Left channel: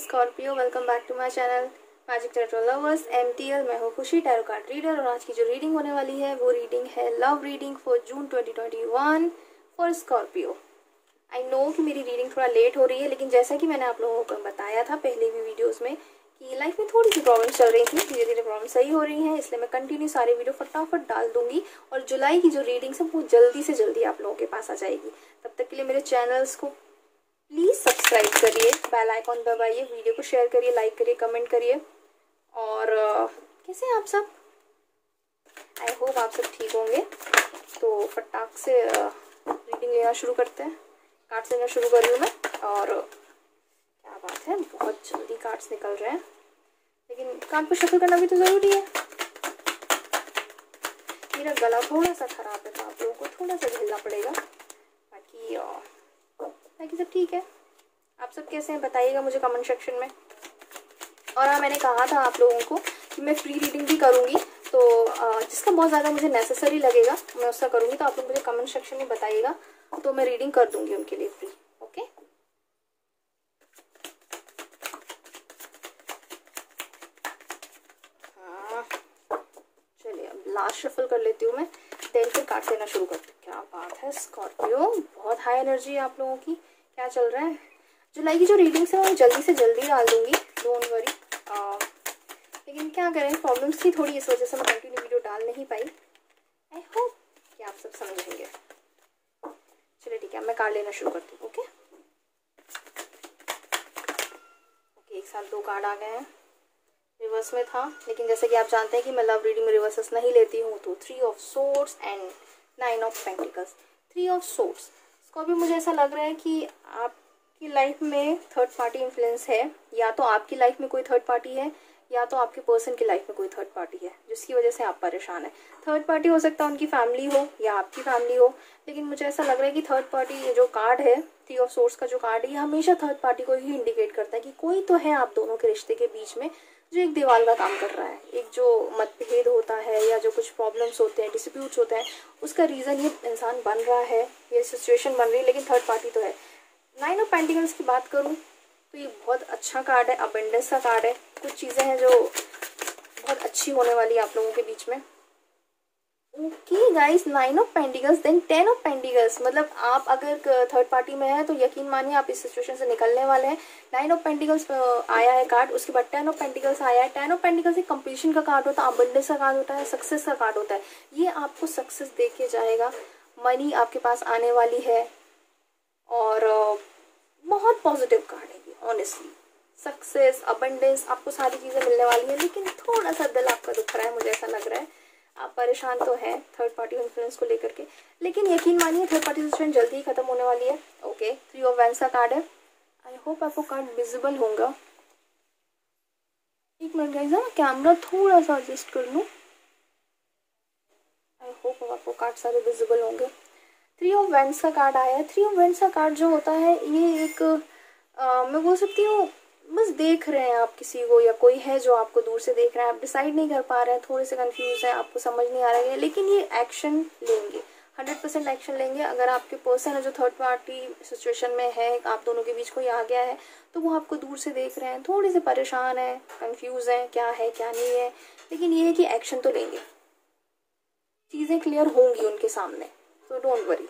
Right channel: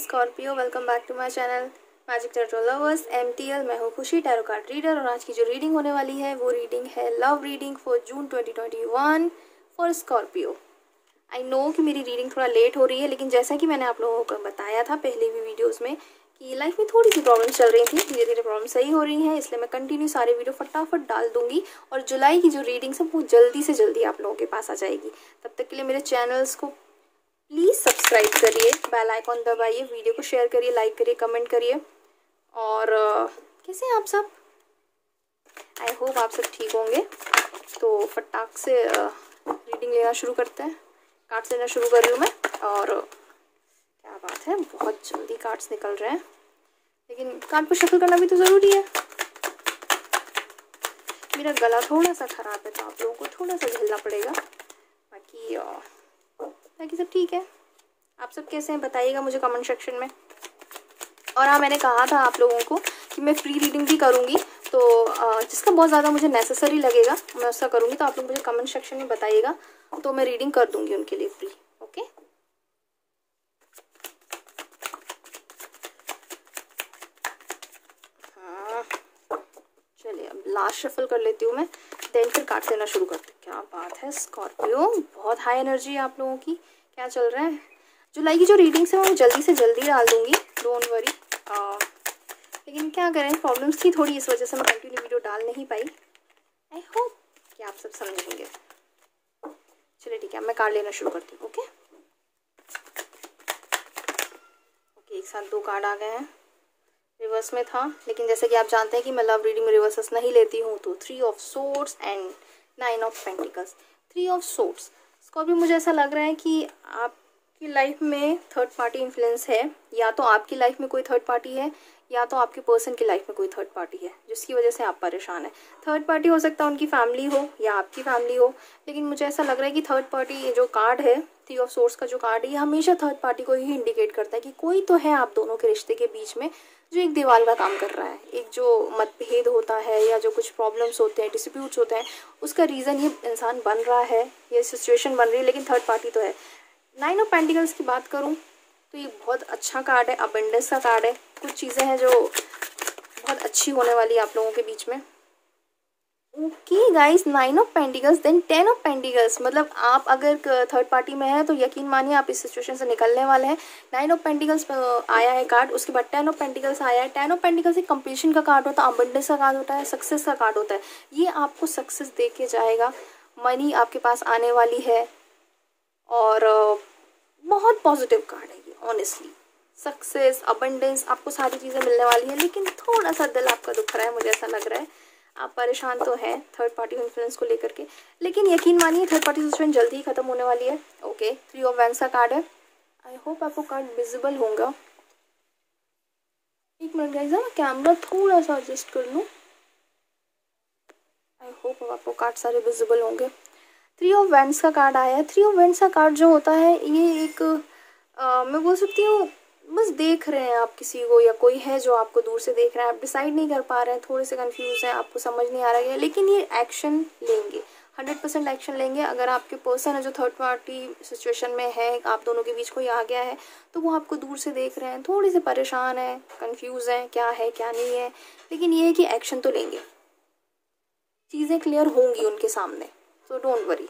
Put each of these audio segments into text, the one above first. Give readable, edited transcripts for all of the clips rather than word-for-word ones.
Scorpio, welcome back to my channel magic tarot lovers MTL। मैं हूँ खुशी, tarot card reader, और आज की जो रीडिंग होने वाली है वो रीडिंग है love reading for June 2021 for Scorpio. I know कि मेरी रीडिंग थोड़ा लेट हो रही है, लेकिन जैसा कि मैंने आप लोगों को बताया था पहले भी वीडियोज़ में कि लाइफ में थोड़ी सी प्रॉब्लम चल रही थी, धीरे धीरे प्रॉब्लम सही हो रही है, इसलिए मैं कंटिन्यू सारे वीडियो फटाफट डाल दूंगी और जुलाई की जो रीडिंग है वो जल्दी से जल्दी आप लोगों के पास आ जाएगी। तब तक के लिए मेरे चैनल्स को प्लीज़ सब्सक्राइब करिए, बेल आइकॉन दबाइए, वीडियो को शेयर करिए, लाइक करिए, कमेंट करिए। और कैसे हैं आप सब? आई होप आप सब ठीक होंगे। तो फटाक से रीडिंग लेना शुरू करते हैं। कार्ड्स लेना शुरू कर रही हूँ मैं। और क्या बात है, बहुत जल्दी कार्ड्स निकल रहे हैं, लेकिन कार्ड को शफल करना भी तो ज़रूरी है। मेरा गला थोड़ा सा ख़राब है तो आप लोगों को थोड़ा सा झेलना पड़ेगा, बाकी सब ठीक है। आप सब कैसे हैं बताइएगा मुझे कमेंट सेक्शन में। और हाँ, मैंने कहा था आप लोगों को कि मैं फ्री रीडिंग भी करूँगी, तो जिसका बहुत ज़्यादा मुझे नेसेसरी लगेगा मैं उसका करूँगी, तो आप लोग मुझे कमेंट सेक्शन में बताइएगा, तो मैं रीडिंग कर दूँगी उनके लिए फ्री। ओके, हाँ चलिए, अब लास्ट शफल कर लेती हूँ मैं, देन फिर कार्ड लेना शुरू करती हूँ। क्या बात है स्कॉर्पियो, बहुत हाई एनर्जी है आप लोगों की। क्या चल रहा है? जुलाई की जो रीडिंग्स है वो जल्दी से जल्दी डाल दूंगी, डोंट वरी। लेकिन क्या करें, प्रॉब्लम्स थी थोड़ी, इस वजह से मैं कंटिन्यू वीडियो डाल नहीं पाई। आई होप कि आप सब समझेंगे। चलिए ठीक है, मैं कार्ड लेना शुरू करती हूँ। ओके, एक साथ दो कार्ड आ गए हैं। रिवर्स में था, लेकिन जैसे कि आप जानते हैं कि मैं लव रीडिंग में रिवर्सेस नहीं लेती हूँ, तो 3 of swords and 9 of pentacles. 3 of swords, इसको भी मुझे ऐसा लग रहा है कि आपकी लाइफ में थर्ड पार्टी इन्फ्लुएंस है, या तो आपकी लाइफ में कोई थर्ड पार्टी है या तो आपके पर्सन की लाइफ में कोई थर्ड पार्टी है जिसकी वजह से आप परेशान है। थर्ड पार्टी हो सकता है उनकी फैमिली हो या आपकी फैमिली हो, लेकिन मुझे ऐसा लग रहा है कि थर्ड पार्टी जो कार्ड है, 3 ऑफ सोर्ड्स का जो कार्ड है, ये हमेशा थर्ड पार्टी को ही इंडिकेट करता है कि कोई तो है आप दोनों के रिश्ते के बीच में जो एक दीवार का काम कर रहा है। एक जो मतभेद होता है या जो कुछ प्रॉब्लम्स होते हैं, डिस्प्यूट्स होते हैं, उसका रीज़न ये इंसान बन रहा है, ये सिचुएशन बन रही है, लेकिन थर्ड पार्टी तो है। 9 ऑफ पेंटिकल्स की बात करूँ तो ये बहुत अच्छा कार्ड है, अबंडेंस का कार्ड है। कुछ चीज़ें हैं जो बहुत अच्छी होने वाली है आप लोगों के बीच में। Okay guys, 9 of pentacles then 10 of pentacles, मतलब आप अगर थर्ड पार्टी में हैं तो यकीन मानिए आप इस सिचुएशन से निकलने वाले हैं। 9 ऑफ पेंटिकल्स आया है कार्ड, उसके बाद 10 ऑफ पेंटिकल्स आया है। 10 ऑफ पेंटिकल्स एक कंप्लीशन का कार्ड होता है, अबंडेंस का कार्ड होता है, सक्सेस का कार्ड होता है। ये आपको सक्सेस दे के जाएगा, मनी आपके पास आने वाली है, और बहुत पॉजिटिव कार्ड है ये। ऑनेस्टली सक्सेस, अबंडेंस, आपको सारी चीज़ें मिलने वाली है, लेकिन थोड़ा सा दिल आपका दुख रहा है, मुझे ऐसा लग रहा है। आप परेशान तो हैं थर्ड पार्टी इन्फ्लुएंस को लेकर के, लेकिन यकीन मानिए थर्ड पार्टी सिचुएशन जल्दी ही खत्म होने वाली है। ओके, 3 ऑफ वैंड्स का कार्ड है। आई होप आपको कार्ड विजिबल होगा। एक मिनट गाइस, मैं कैमरा थोड़ा सा एडजस्ट कर लूँ। आई होप आपको कार्ड सारे विजिबल होंगे। 3 ऑफ वैंड्स का कार्ड आया है। 3 ऑफ वैंड्स का कार्ड जो होता है, ये एक मैं बोल सकती हूँ बस देख रहे हैं आप किसी को, या कोई है जो आपको दूर से देख रहा है, आप डिसाइड नहीं कर पा रहे हैं, थोड़े से कंफ्यूज हैं, आपको समझ नहीं आ रहा है, लेकिन ये एक्शन लेंगे, 100% एक्शन लेंगे। अगर आपके पर्सन है जो थर्ड पार्टी सिचुएशन में है, आप दोनों के बीच कोई आ गया है, तो वो आपको दूर से देख रहे हैं, थोड़े से परेशान हैं, कंफ्यूज हैं, क्या है क्या नहीं है, लेकिन ये है कि एक्शन तो लेंगे, चीज़ें क्लियर होंगी उनके सामने, तो डोंट वरी।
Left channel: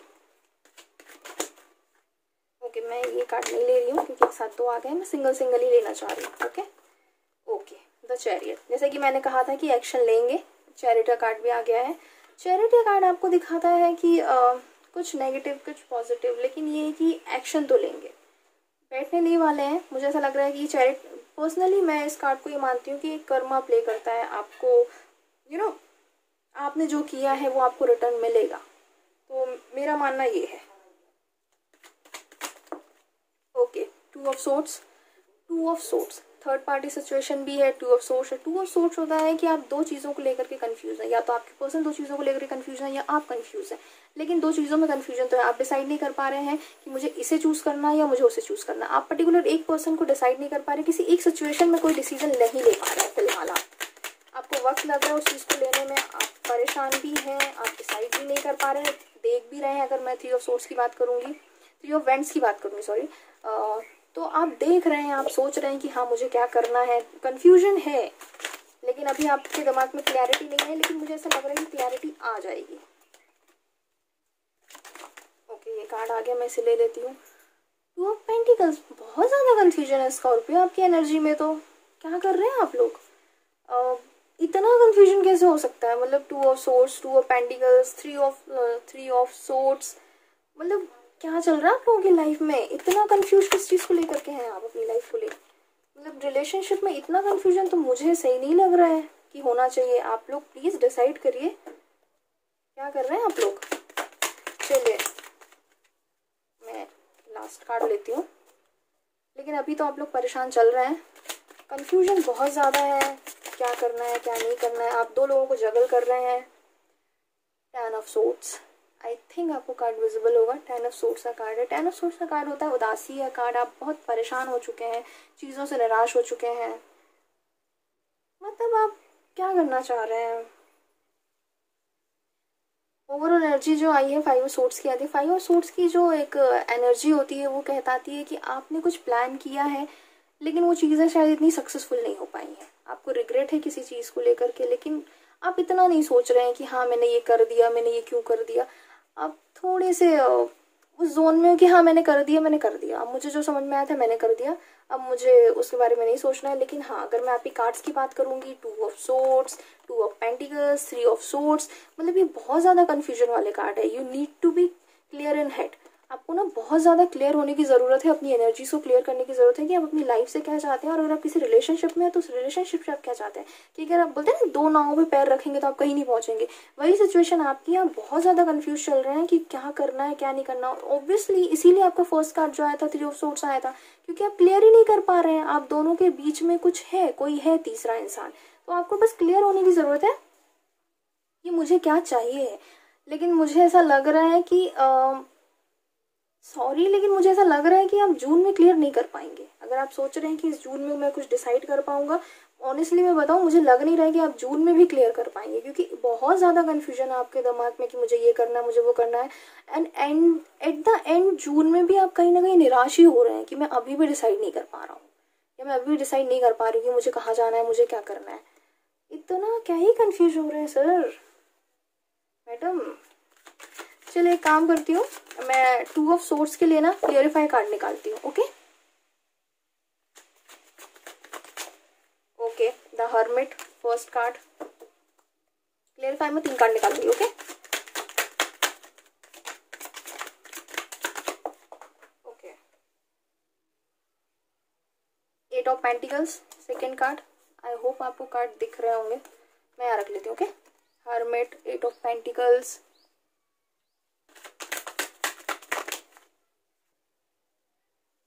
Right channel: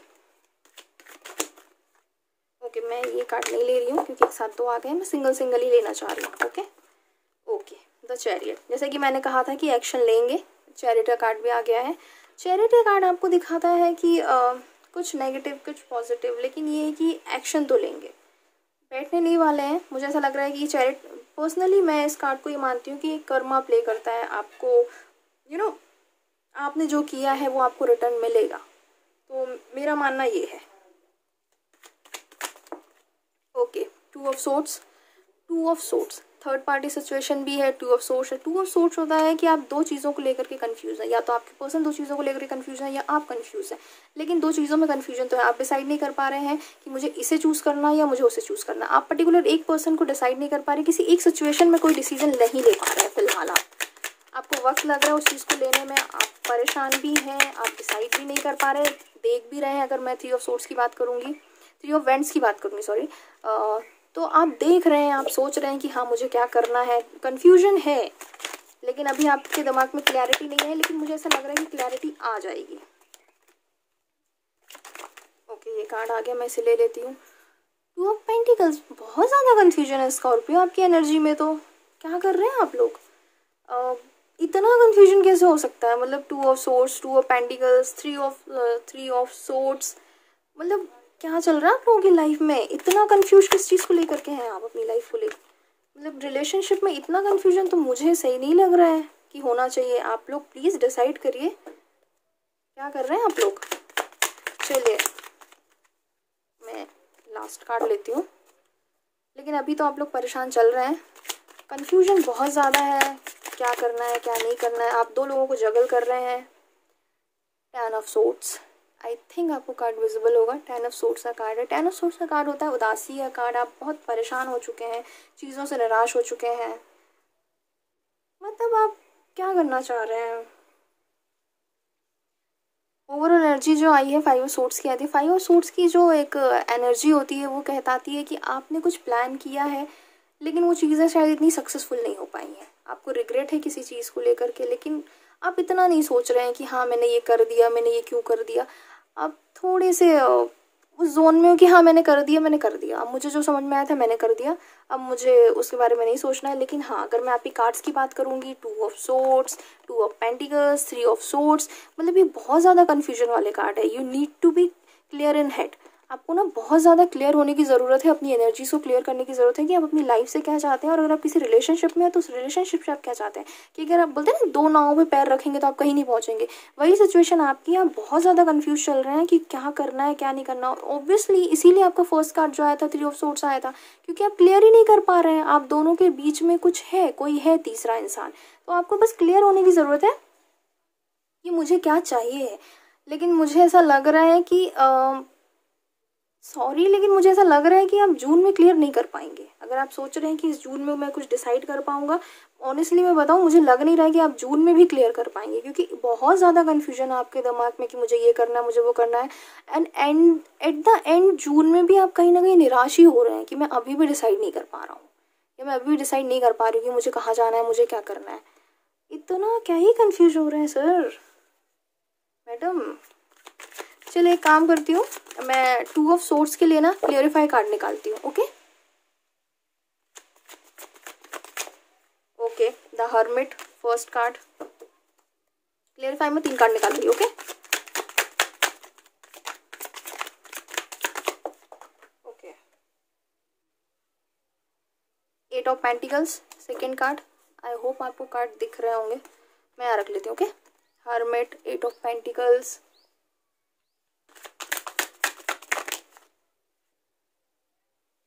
ओके, मैं ये कार्ड नहीं ले रही हूँ क्योंकि एक साथ दो आ गए हैं, मैं सिंगल ही लेना चाह रही हूँ। ओके, द चैरियट, जैसे कि मैंने कहा था कि एक्शन लेंगे, चैरियट का कार्ड भी आ गया है। चैरियट का कार्ड आपको दिखाता है कि कुछ नेगेटिव कुछ पॉजिटिव, लेकिन ये है कि एक्शन तो लेंगे, बैठने नहीं वाले हैं। मुझे ऐसा लग रहा है कि चैरियट, पर्सनली मैं इस कार्ड को ये मानती हूँ कि एक कर्मा प्ले करता है, आपको आपने जो किया है वो आपको रिटर्न मिलेगा, तो मेरा मानना ये है। Okay, 2 of swords, 2 of swords third party situation भी है। 2 ऑफ सोर्ड्स है। 2 ऑफ सोर्ड्स होता है कि आप दो चीज़ों को लेकर के कंफ्यूज हैं, या तो आपके पर्सन दो चीज़ों को लेकर के कंफ्यूज है, या आप कंफ्यूज हैं, लेकिन दो चीज़ों में कंफ्यूजन तो है। आप डिसाइड नहीं कर पा रहे हैं कि मुझे इसे चूज़ करना है या मुझे उसे चूज़ करना। आप पर्टिकुलर एक पर्सन को डिसाइड नहीं कर पा रहे, किसी एक सिचुएशन में कोई डिसीजन नहीं ले पा रहे हैं फिलहाल। आपको वक्त लग रहा है उस चीज़ को लेने में, आप परेशान भी हैं, आप डिसाइड भी नहीं कर पा रहे, देख भी रहे हैं। अगर मैं 3 ऑफ सोर्ड्स की बात करूँगी, 3 ऑफ वैंड्स की बात करूँगी, सॉरी, तो आप देख रहे हैं, आप सोच रहे हैं कि हाँ मुझे क्या करना है, कन्फ्यूजन है, लेकिन अभी आपके दिमाग में क्लैरिटी नहीं है, लेकिन मुझे ऐसा लग रहा है कि क्लैरिटी आ जाएगी। ओके, ये कार्ड आ गया, मैं इसे ले लेती हूँ। टू ऑफ पेंटिकल्स, बहुत ज़्यादा कन्फ्यूजन है स्कॉर्पियो आपकी एनर्जी में। तो क्या कर रहे हैं आप लोग? इतना कन्फ्यूजन कैसे हो सकता है? मतलब two of swords, two of pentacles, three of swords, मतलब क्या चल रहा है आप लोगों की लाइफ में? इतना कंफ्यूज किस चीज़ को लेकर के हैं आप अपनी लाइफ को लेकर? मतलब रिलेशनशिप में इतना कंफ्यूजन तो मुझे सही नहीं लग रहा है कि होना चाहिए। आप लोग प्लीज़ डिसाइड करिए क्या कर रहे हैं आप लोग। चलिए मैं लास्ट कार्ड लेती हूँ, लेकिन अभी तो आप लोग परेशान चल रहे हैं, कंफ्यूजन बहुत ज़्यादा है, क्या करना है क्या नहीं करना है। आप दो लोगों को जगल कर रहे हैं। 10 ऑफ सोर्ड्स, आई थिंक आपको कार्ड विजिबल होगा। 10 ऑफ सोर्ड्स का कार्ड है। 10 ऑफ सोर्ड्स का कार्ड होता है उदासी का कार्ड। आप बहुत परेशान हो चुके हैं, चीज़ों से निराश हो चुके हैं, मतलब आप क्या करना चाह रहे हैं? ओवरऑल एनर्जी जो आई है 5 ऑफ सोर्ड्स की आती है। 5 ऑफ सोर्ड्स की जो एक एनर्जी होती है वो कहताती है कि आपने कुछ प्लान किया है, लेकिन वो चीज़ें शायद इतनी सक्सेसफुल नहीं हो पाई हैं। आपको रिग्रेट है किसी चीज़ को लेकर के, लेकिन आप इतना नहीं सोच रहे हैं कि हाँ मैंने ये कर दिया, मैंने ये क्यों कर दिया। आप थोड़े से उस जोन में हो कि हाँ मैंने कर दिया, अब मुझे जो समझ में आया था मैंने कर दिया, अब मुझे उसके बारे में नहीं सोचना है। लेकिन हाँ, अगर मैं आपकी कार्ड्स की बात करूंगी, 2 of swords, 2 of pentacles, 3 of swords, मतलब ये बहुत ज़्यादा कन्फ्यूजन वाले कार्ड है। You need to be clear in head. आपको ना बहुत ज़्यादा क्लियर होने की ज़रूरत है, अपनी एनर्जी को क्लियर करने की ज़रूरत है कि आप अपनी लाइफ से क्या चाहते हैं, और अगर आप किसी रिलेशनशिप में हैं तो उस रिलेशनशिप से आप क्या चाहते हैं। क्योंकि अगर आप बोलते हैं ना दो नावों पे पैर रखेंगे तो आप कहीं नहीं पहुंचेंगे, वही सिचुएशन आपकी। आप बहुत ज़्यादा कंफ्यूज चल रहे हैं कि क्या करना है क्या नहीं करना। ऑब्वियसली इसीलिए आपका फर्स्ट कार्ड जो आया था 3 ऑफ सोर्ड्स आया था, क्योंकि आप क्लियर ही नहीं कर पा रहे हैं। आप दोनों के बीच में कुछ है, कोई है तीसरा इंसान, तो आपको बस क्लियर होने की ज़रूरत है कि मुझे क्या चाहिए। लेकिन मुझे ऐसा लग रहा है कि सॉरी, लेकिन मुझे ऐसा लग रहा है कि आप जून में क्लियर नहीं कर पाएंगे। अगर आप सोच रहे हैं कि इस जून में मैं कुछ डिसाइड कर पाऊंगा, ऑनेस्टली मैं बताऊं मुझे लग नहीं रहा है कि आप जून में भी क्लियर कर पाएंगे, क्योंकि बहुत ज़्यादा कन्फ्यूजन है आपके दिमाग में कि मुझे ये करना है, मुझे वो करना है। And at the and June में भी आप कहीं ना कहीं निराश ही हो रहे हैं कि मैं अभी भी डिसाइड नहीं कर पा रहा हूँ, या मैं अभी भी डिसाइड नहीं कर पा रही हूँ कि मुझे कहाँ जाना है, मुझे क्या करना है। इतना क्या ही कन्फ्यूज हो रहे हैं सर, मैडम। चलिए एक काम करती हूँ, मैं 2 ऑफ सोर्ड्स के लिए ना क्लियरिफाई कार्ड निकालती हूँ। Okay okay, the hermit first card. Clarify में 3 कार्ड निकाल रही हूँ। Okay okay, 8 of pentacles second card. I hope आपको कार्ड दिख रहे होंगे, मैं यहाँ रख लेती हूँ। Okay, hermit, 8 of pentacles,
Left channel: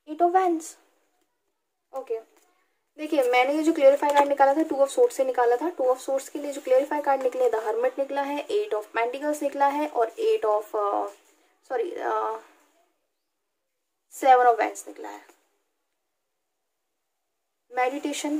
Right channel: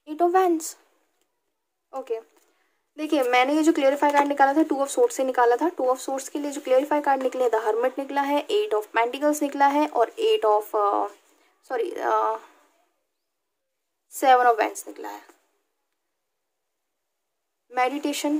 8 of wands. Okay, देखिए मैंने ये जो क्लियरिफाई कार्ड निकाला था 2 ऑफ सोर्ड्स से निकाला था। 2 ऑफ सोर्ड्स के लिए जो क्लियरिफाई कार्ड निकले, द हर्मिट निकला है, 8 ऑफ पेंटिकल्स निकला है, और 7 ऑफ वैंड्स निकला है। मेडिटेशन,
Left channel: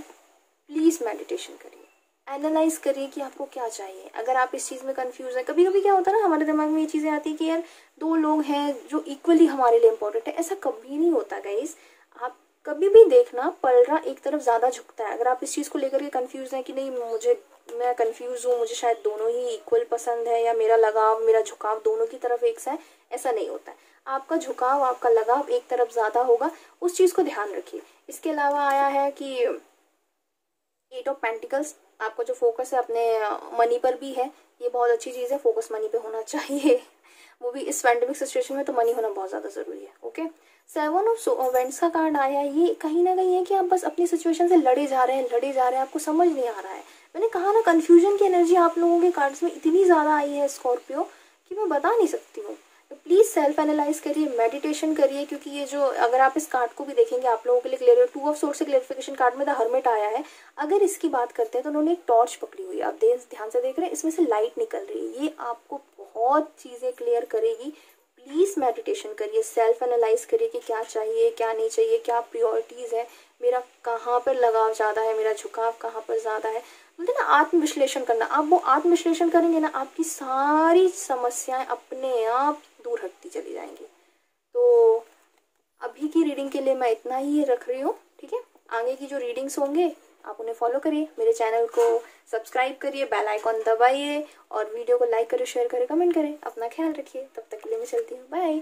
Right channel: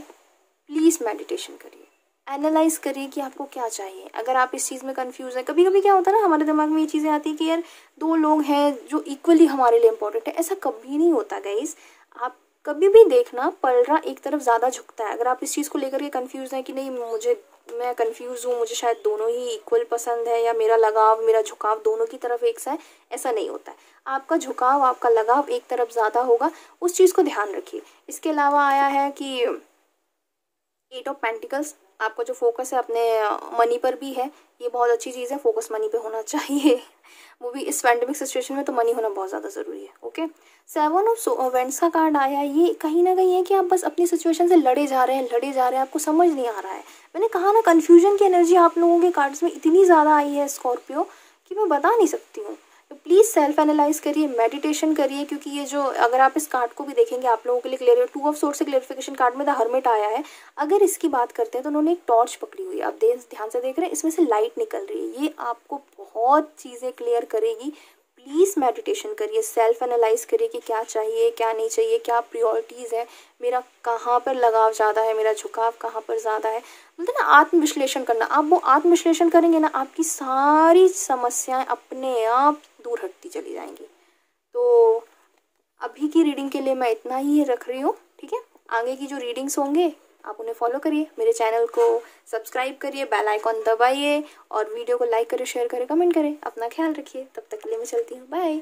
प्लीज मेडिटेशन करिए, एनालाइज करिए कि आपको क्या चाहिए। अगर आप इस चीज़ में कंफ्यूज है, कभी कभी क्या होता है ना, हमारे दिमाग में ये चीज़ें आती है कि यार 2 लोग हैं जो इक्वली हमारे लिए इम्पोर्टेंट है। ऐसा कभी नहीं होता गाइस। आप कभी भी देखना, पलड़ा एक तरफ ज़्यादा झुकता है। अगर आप इस चीज़ को लेकर के कंफ्यूज हैं कि नहीं मैं कंफ्यूज हूँ, मुझे शायद दोनों ही इक्वल पसंद है, या मेरा लगाव मेरा झुकाव दोनों की तरफ एक सा है, ऐसा नहीं होता है। आपका झुकाव आपका लगाव एक तरफ ज़्यादा होगा, उस चीज़ को ध्यान रखिए। इसके अलावा आया है कि 8 ऑफ पेंटिकल्स, आपका जो फोकस है अपने मनी पर भी है, ये बहुत अच्छी चीज़ है। फोकस मनी पे होना चाहिए, वो भी इस पैंडेमिक सिचुएशन में तो मनी होना बहुत ज़्यादा ज़रूरी है। ओके, 7 ऑफ वेंड्स का कार्ड आया, ये कहीं ना कहीं है कि आप बस अपनी सिचुएशन से लड़े जा रहे हैं, आपको समझ नहीं आ रहा है। मैंने कहा ना, कन्फ्यूजन की एनर्जी आप लोगों के कार्ड्स में इतनी ज़्यादा आई है स्कॉर्पियो कि मैं बता नहीं सकती हूँ। तो प्लीज़ सेल्फ एनालाइज करिए, मेडिटेशन करिए, क्योंकि ये जो, अगर आप इस कार्ड को भी देखेंगे आप लोगों के लिए क्लियर है। 2 ऑफ सोर्ड्स से क्लियरिफिकेशन कार्ड में द हर्मिट आया है। अगर इसकी बात करते हैं तो उन्होंने एक टॉर्च पकड़ी हुई है, आप ध्यान से देख रहे हैं, इसमें से लाइट निकल रही है। ये आपको बहुत चीज़ें क्लियर करेगी। प्लीज़ मेडिटेशन करिए, सेल्फ एनालाइज करिए कि क्या चाहिए क्या नहीं चाहिए, क्या प्रायोरिटीज़ है, मेरा कहाँ पर लगाव ज़्यादा है, मेरा झुकाव कहाँ पर ज़्यादा है। बोलते हैं ना आत्मविश्लेषण करना। आप वो आत्मविश्लेषण करेंगे ना, आपकी सारी समस्याएं अपने आप दूर हटती चली जाएंगी। तो अभी की रीडिंग के लिए मैं इतना ही रख रही हूँ, ठीक है। आगे की जो रीडिंग्स होंगे आप उन्हें फॉलो करिए, मेरे चैनल को सब्सक्राइब करिए, बेल आइकॉन दबाइए और वीडियो को लाइक करें, शेयर करें, कमेंट करें। अपना ख्याल रखिए, तब तक के लिए मैं चलती हूँ, बाय।